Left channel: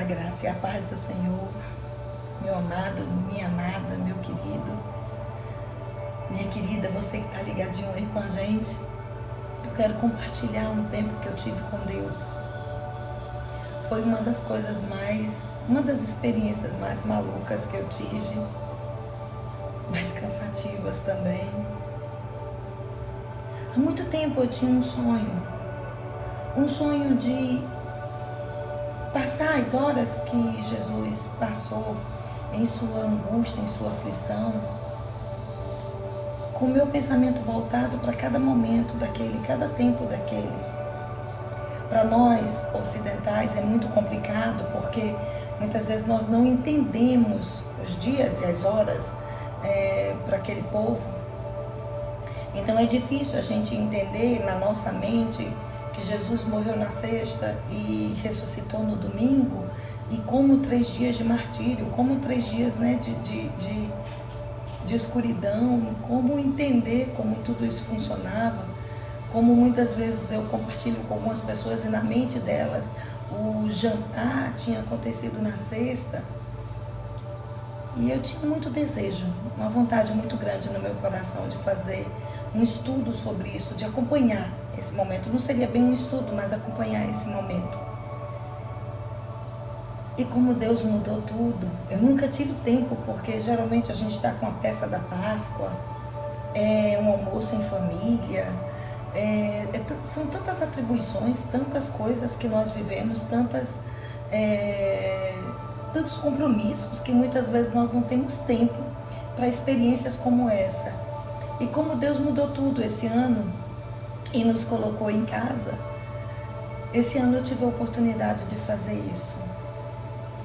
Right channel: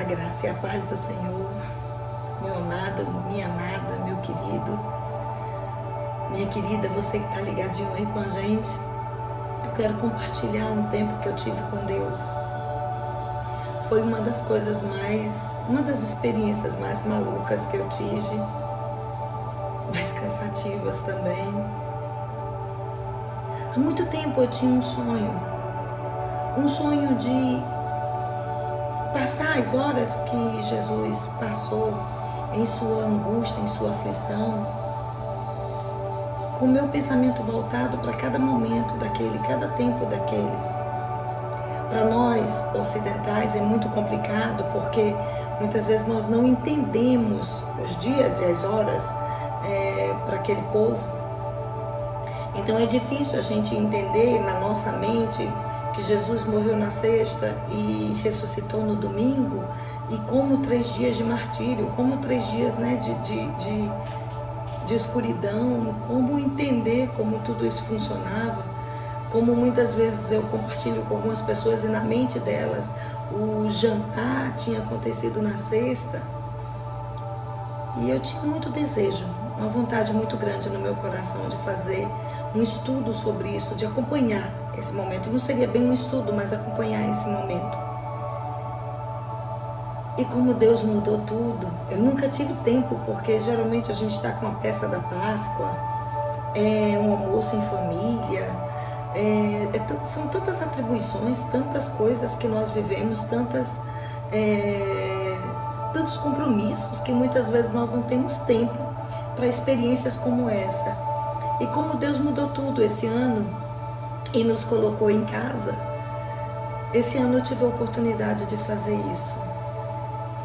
A graça e a paz do Senhor, meu amado, minha amada, meu querido, minha querida, você que está ligadinho aí com a gente, eu quero compartilhar um tempo que eu tive com Deus. Foi uma das experiências mais malucas que eu tive, mais cansativas também. Há muito tempo eu tinha um sonho de passar as horas que Jesus passou em sua angústia, em sua aflição, com o meu pensamento voltado para cada momento daquele, cada tempo daquele. Para nós ocidentais é muito complicado, porque muitas vezes nós não entendemos os dias e as horas para aquele povo. Então é difícil a gente entender na nossa mente que Jesus morreu na sexta e ressuscitou no domingo, e como 3 dias de martírio, como 3 dias de escuridão, como entender como tudo isso funcionava, como muitas vezes eu compartilho com algumas pessoas e na mente delas o jantar tinha acontecido na sexta, e eu tinha muito desejo, uma vontade muito grande no meu coração de fazer um estudo sobre isso, de acompanhar esse momento. Não seria bem um estudo, mas acompanhar esse momento. E como Deus mudou tudo, eu nunca tive tempo, porque geralmente a gente está com a peça da Páscoa, um almoço em família, são tantas atribuições, tantas coisas que nós vivemos, tantos compromissos, que muitas vezes nós não temos tempo para experiências como essa. E como Deus mudou tudo esse ano e nos colocou em casa, esse ano eu tive a oportunidade de fazer isso.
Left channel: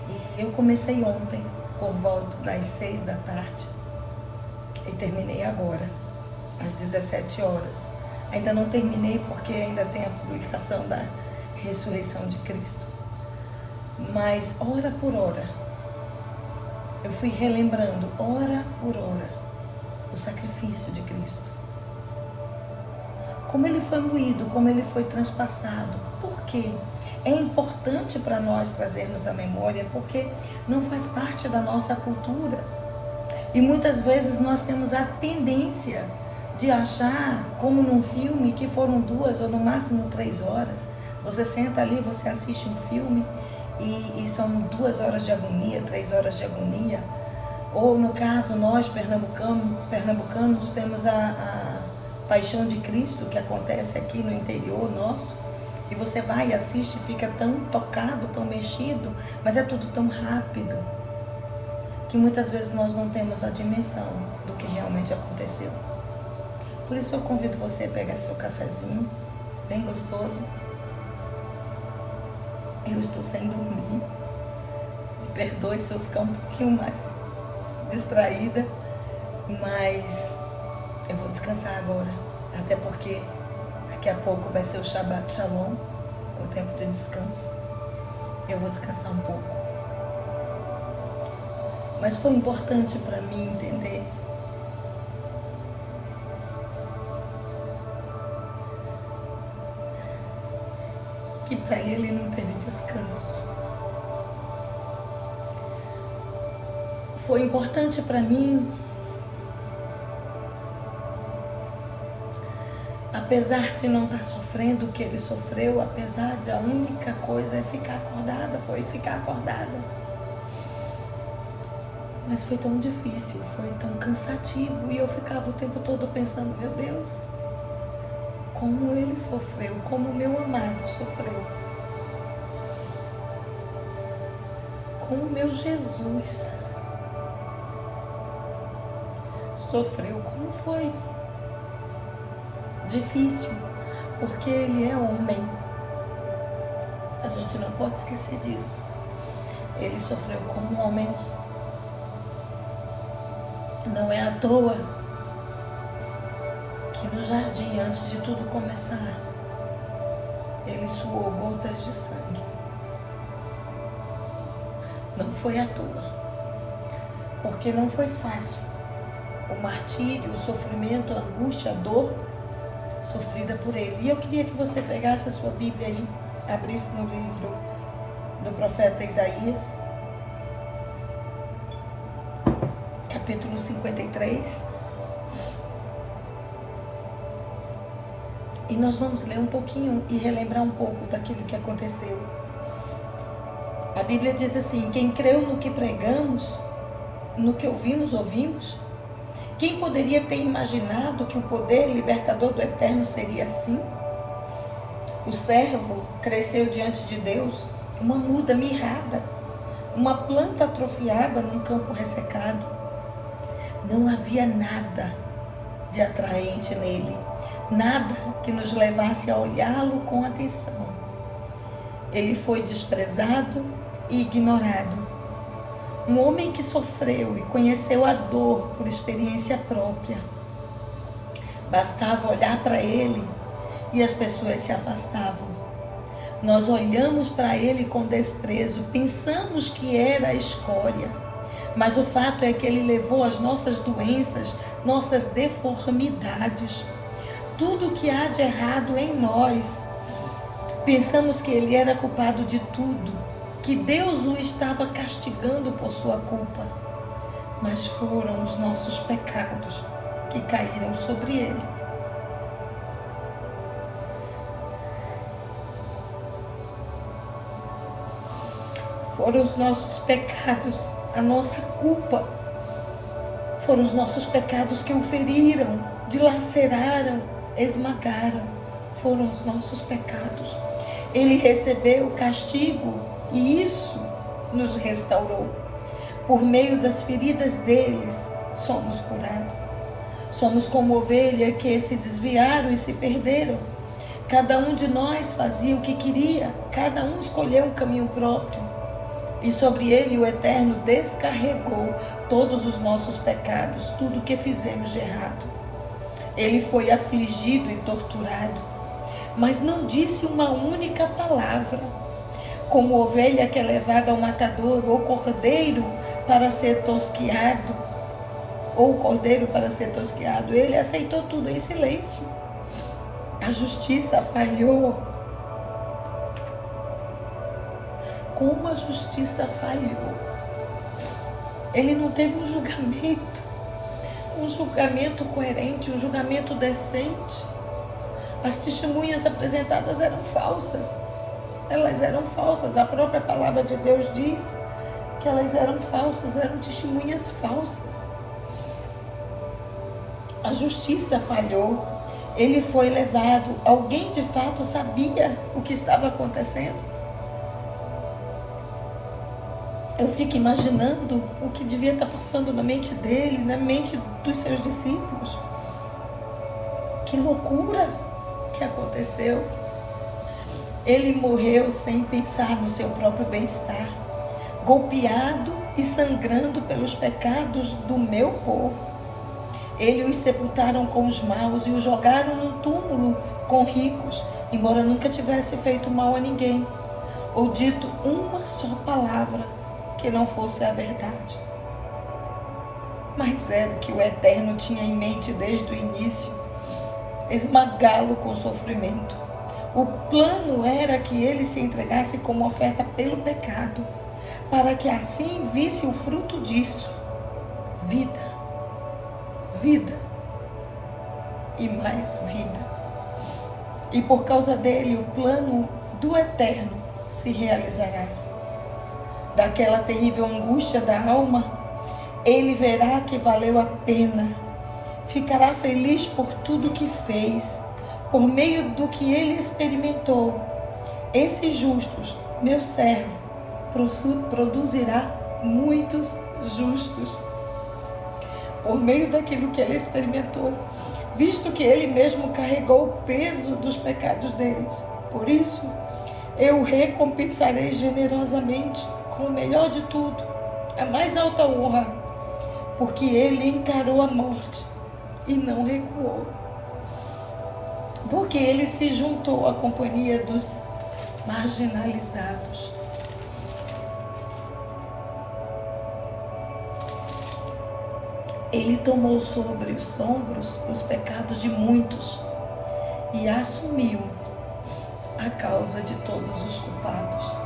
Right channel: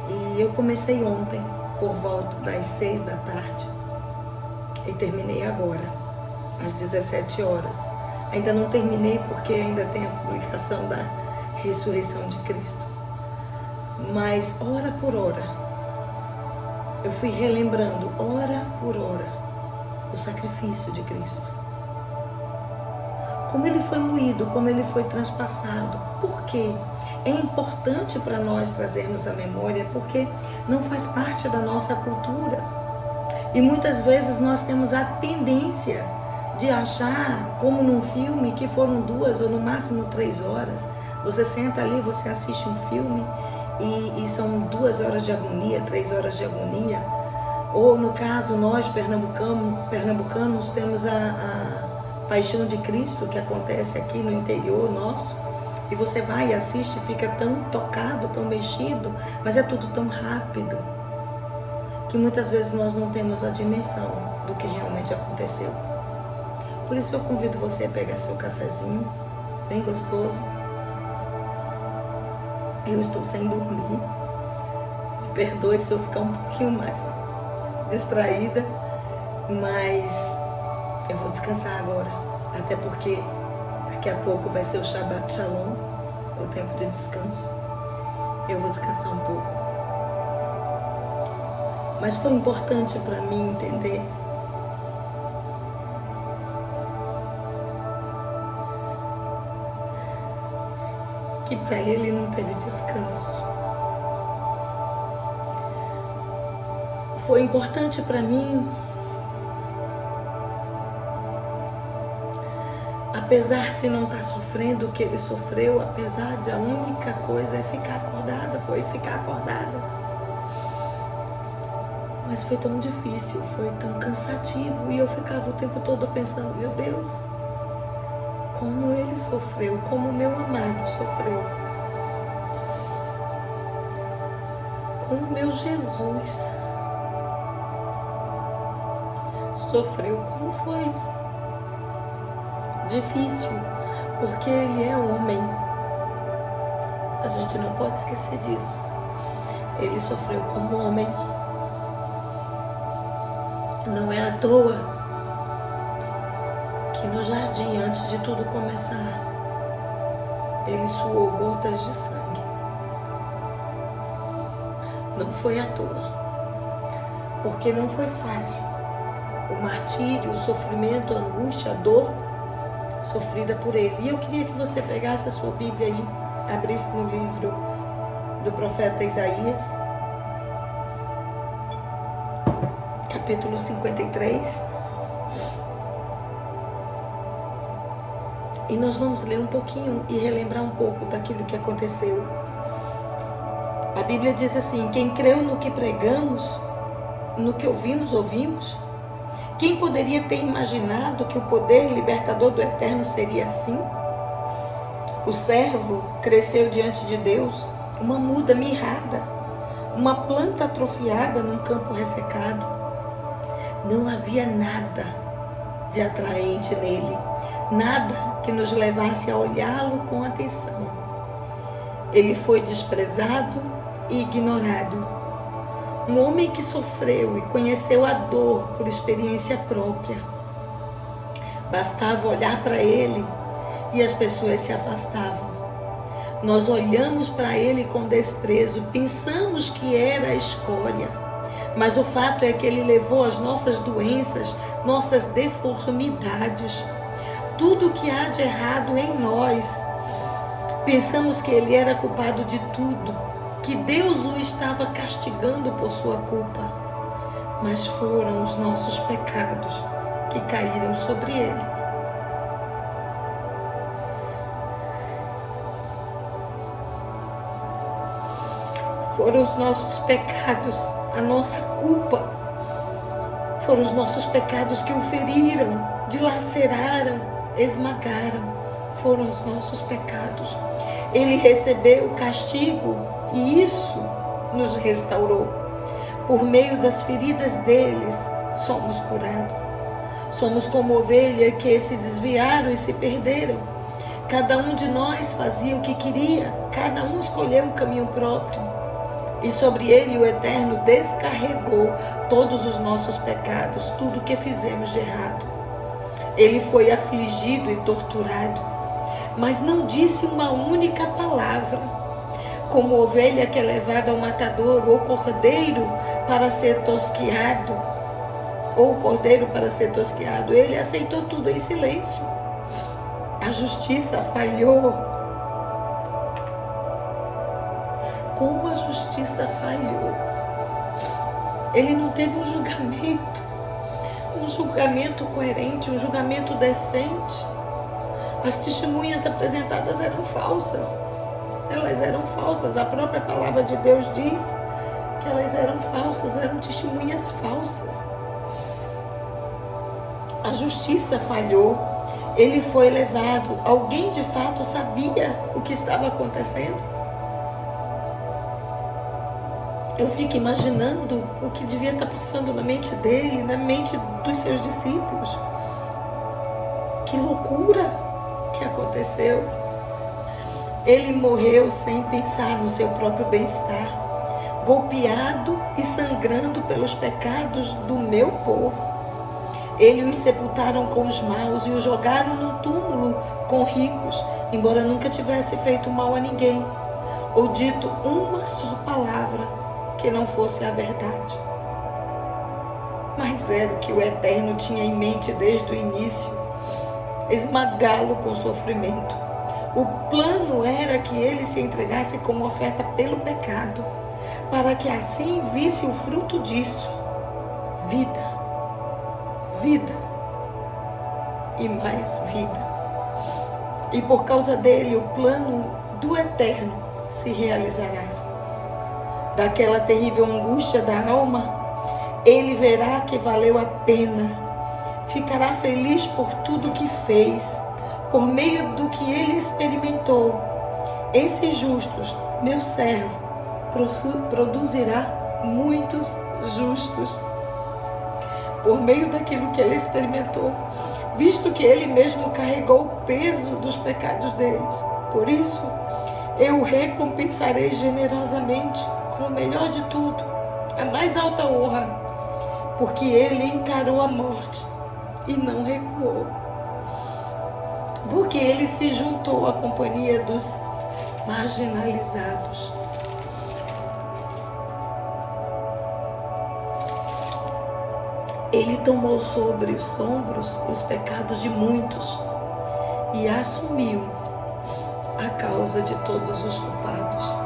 E eu comecei ontem, por volta das 6 da tarde, e terminei agora, às 17 horas. Ainda não terminei porque ainda tem a publicação da ressurreição de Cristo. Mas hora por hora, eu fui relembrando, hora por hora, o sacrifício de Cristo. Como ele foi moído, como ele foi transpassado. Por quê? É importante para nós trazermos a memória, porque não faz parte da nossa cultura. E muitas vezes nós temos a tendência de achar, como num filme, que foram 2 ou no máximo 3 horas. Você senta ali, você assiste um filme e são 2 horas de agonia, 3 horas de agonia. Ou no caso, nós pernambucanos temos a Paixão de Cristo, que acontece aqui no interior nosso, e você vai e assiste, fica tão tocado, tão mexido, mas é tudo tão rápido, que muitas vezes nós não temos a dimensão do que realmente aconteceu. Por isso eu convido você a pegar seu cafezinho, bem gostoso. Eu estou sem dormir, me perdoe se eu ficar um pouquinho mais distraída, mas eu vou descansar agora, até porque daqui a pouco vai ser o Shabbat Shalom, o tempo de descanso. Eu vou descansar um pouco. Mas foi importante para mim entender que para ele não teve descanso. Foi importante para mim, apesar de não estar sofrendo o que ele sofreu, apesar de a única coisa é ficar acordada, foi ficar acordada. Mas foi tão difícil, foi tão cansativo, e eu ficava o tempo todo pensando, meu Deus, como ele sofreu, como meu amado sofreu, como meu Jesus sofreu, como foi difícil, porque ele é homem. A gente não pode esquecer disso. Ele sofreu como homem. Não é à toa que no jardim, antes de tudo começar, ele suou gotas de sangue. Não foi à toa, porque não foi fácil o martírio, o sofrimento, a angústia, a dor sofrida por ele. E eu queria que você pegasse a sua Bíblia aí, abrisse no livro do profeta Isaías, capítulo 53. E nós vamos ler um pouquinho e relembrar um pouco daquilo que aconteceu. A Bíblia diz assim: quem creu no que pregamos, no que ouvimos? Quem poderia ter imaginado que o poder libertador do Eterno seria assim? O servo cresceu diante de Deus, uma muda mirrada, uma planta atrofiada num campo ressecado. Não havia nada de atraente nele, nada que nos levasse a olhá-lo com atenção. Ele foi desprezado e ignorado. Um homem que sofreu e conheceu a dor por experiência própria. Bastava olhar para ele e as pessoas se afastavam. Nós olhamos para ele com desprezo, pensamos que era a escória. Mas o fato é que ele levou as nossas doenças, nossas deformidades, tudo o que há de errado em nós. Pensamos que ele era culpado de tudo, que Deus o estava castigando por sua culpa. Mas foram os nossos pecados que caíram sobre ele. Foram os nossos pecados, a nossa culpa. Foram os nossos pecados que o feriram, dilaceraram, esmagaram. Foram os nossos pecados. Ele recebeu o castigo e isso nos restaurou. Por meio das feridas deles, somos curados. Somos como ovelha que se desviaram e se perderam. Cada um de nós fazia o que queria, cada um escolheu um caminho próprio. E sobre ele o Eterno descarregou todos os nossos pecados, tudo o que fizemos de errado. Ele foi afligido e torturado, mas não disse uma única palavra. Como ovelha que é levada ao matador, ou cordeiro para ser tosquiado, ele aceitou tudo em silêncio. A justiça falhou. Como a justiça falhou. Ele não teve um julgamento coerente, um julgamento decente. As testemunhas apresentadas eram falsas. Elas eram falsas. A própria palavra de Deus diz que elas eram falsas, eram testemunhas falsas. A justiça falhou. Ele foi levado. Alguém de fato sabia o que estava acontecendo? Eu fico imaginando o que devia estar passando na mente dele, na mente dos seus discípulos. Que loucura que aconteceu. Ele morreu sem pensar no seu próprio bem-estar, golpeado e sangrando pelos pecados do meu povo. Eles os sepultaram com os maus e os jogaram num túmulo com ricos, embora nunca tivesse feito mal a ninguém, ou dito uma só palavra que não fosse a verdade. Mas era o que o Eterno tinha em mente desde o início: esmagá-lo com sofrimento. O plano era que ele se entregasse como oferta pelo pecado, para que assim visse o fruto disso: vida, vida e mais vida. E por causa dele, o plano do Eterno se realizará. Daquela terrível angústia da alma, ele verá que valeu a pena. Ficará feliz por tudo que fez, por meio do que ele experimentou. Esses justos, meu servo, produzirá muitos justos. Por meio daquilo que ele experimentou, visto que ele mesmo carregou o peso dos pecados deles. Por isso, eu o recompensarei generosamente com o melhor de tudo, a mais alta honra, porque ele encarou a morte e não recuou, porque ele se juntou à companhia dos marginalizados. Ele tomou sobre os ombros os pecados de muitos e assumiu a causa de todos os culpados.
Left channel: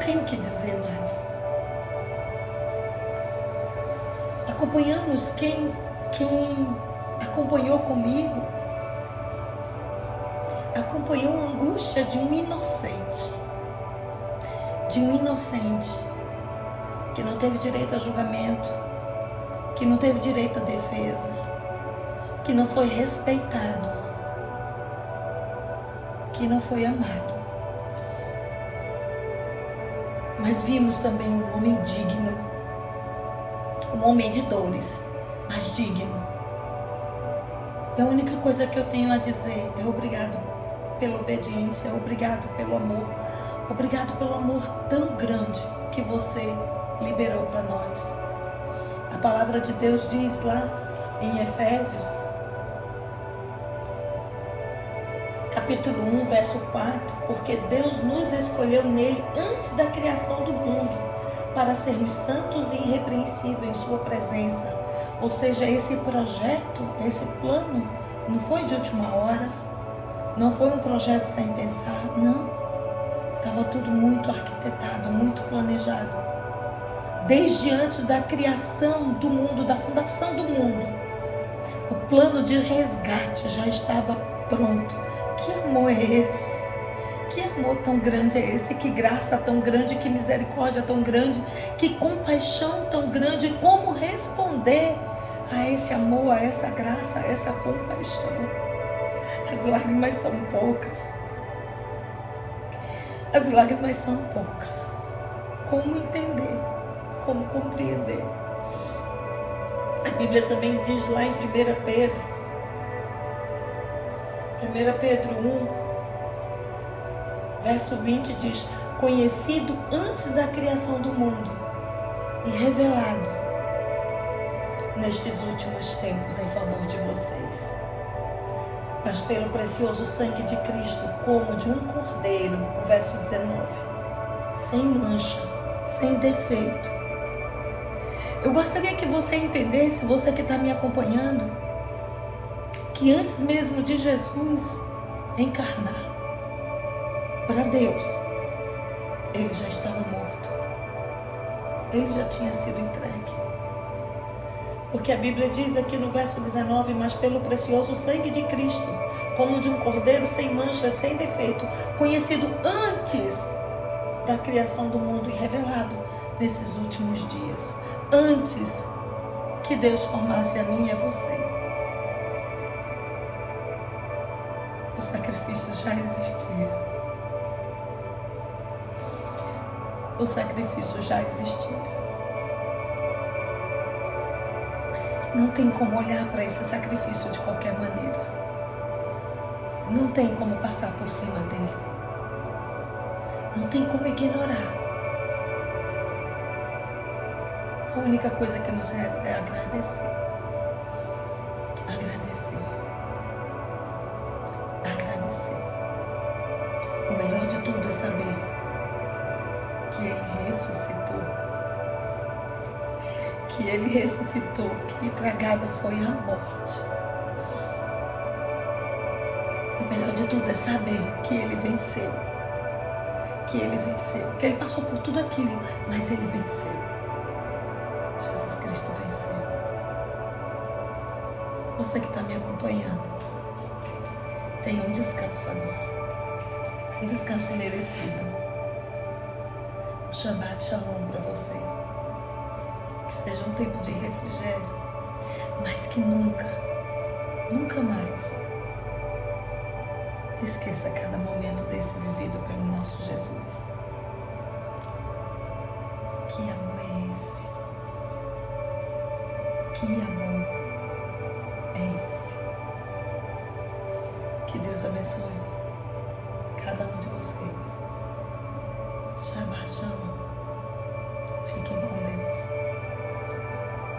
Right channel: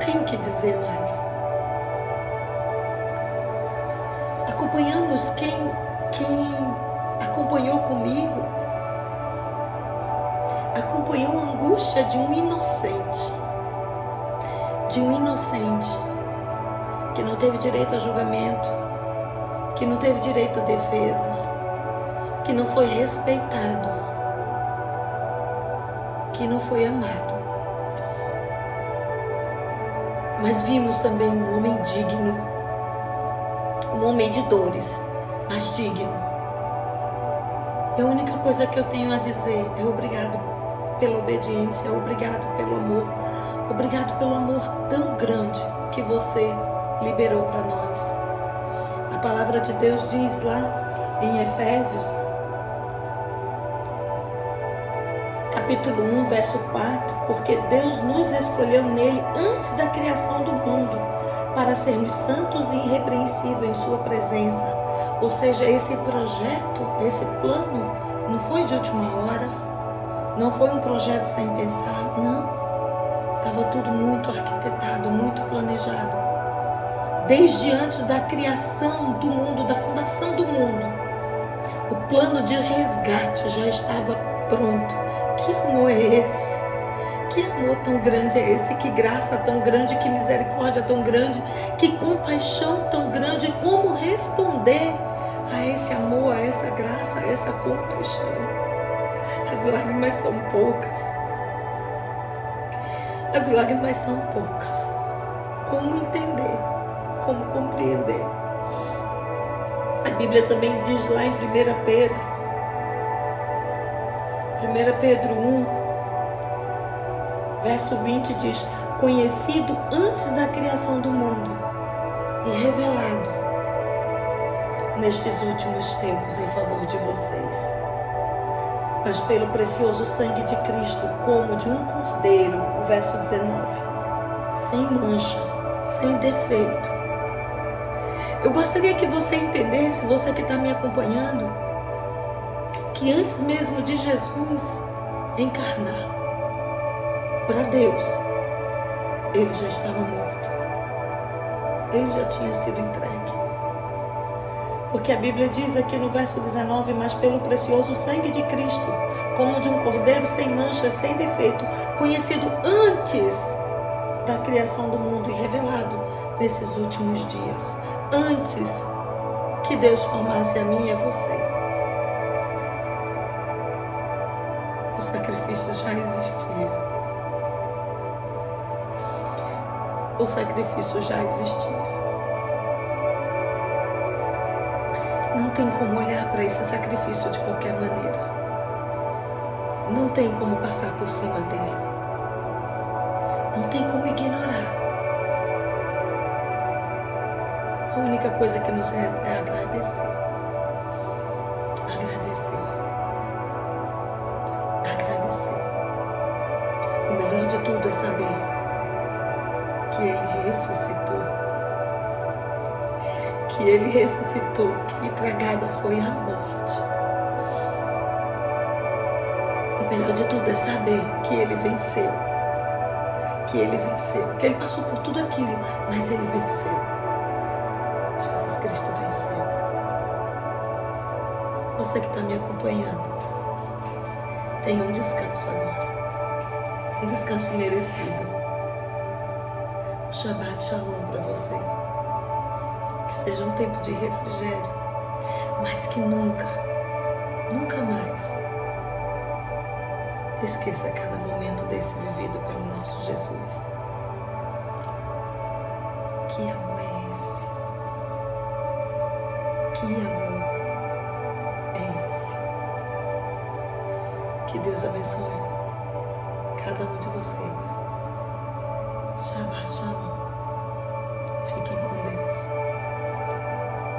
tenho o que dizer mais. Acompanhamos quem acompanhou comigo, acompanhou a angústia de um inocente, que não teve direito a julgamento, que não teve direito à defesa, que não foi respeitado, que não foi amado. Mas vimos também um homem digno, um homem de dores, mas digno. E a única coisa que eu tenho a dizer é obrigado pela obediência, obrigado pelo amor tão grande que você liberou para nós. A palavra de Deus diz lá em Efésios, capítulo 1, verso 4, porque Deus nos escolheu nele antes da criação do mundo, para sermos santos e irrepreensíveis em sua presença. Ou seja, esse projeto, esse plano, não foi de última hora, não foi um projeto sem pensar, não. Estava tudo muito arquitetado, muito planejado. Desde antes da criação do mundo, da fundação do mundo, o plano de resgate já estava pronto. Que amor é esse? Que amor tão grande é esse? Que graça tão grande, que misericórdia tão grande, que compaixão tão grande. Como responder a esse amor, a essa graça, a essa compaixão? As lágrimas são poucas. As lágrimas são poucas. Como entender? Como compreender? A Bíblia também diz lá em 1 Pedro 1, verso 20 diz: conhecido antes da criação do mundo e revelado nestes últimos tempos em favor de vocês, mas pelo precioso sangue de Cristo, como de um cordeiro, o verso 19, sem mancha, sem defeito. Eu gostaria que você entendesse, você que está me acompanhando, que antes mesmo de Jesus encarnar para Deus, ele já estava morto. Ele já tinha sido entregue. Porque a Bíblia diz aqui no verso 19, mas pelo precioso sangue de Cristo, como de um cordeiro sem mancha, sem defeito, conhecido antes da criação do mundo e revelado nesses últimos dias, antes que Deus formasse a mim e a você. O sacrifício já existia. O sacrifício já existia. Não tem como olhar para esse sacrifício de qualquer maneira. Não tem como passar por cima dele. Não tem como ignorar. A única coisa que nos resta é agradecer. Agradecer. Agradecer. O melhor de tudo é saber que ele ressuscitou. Que ele ressuscitou, que tragada foi a morte. O melhor de tudo é saber que ele venceu. Que ele venceu. Que ele passou por tudo aquilo, mas ele venceu. Jesus Cristo venceu. Você que está me acompanhando, tenha um descanso agora. Um descanso merecido. Um Shabbat Shalom para você. Que seja um tempo de refrigério, mas que nunca mais esqueça cada momento desse vivido pelo nosso Jesus. Que amor é esse? Que amor é esse? Que Deus abençoe cada um de vocês. Shabbat Shalom. Fiquem com Deus.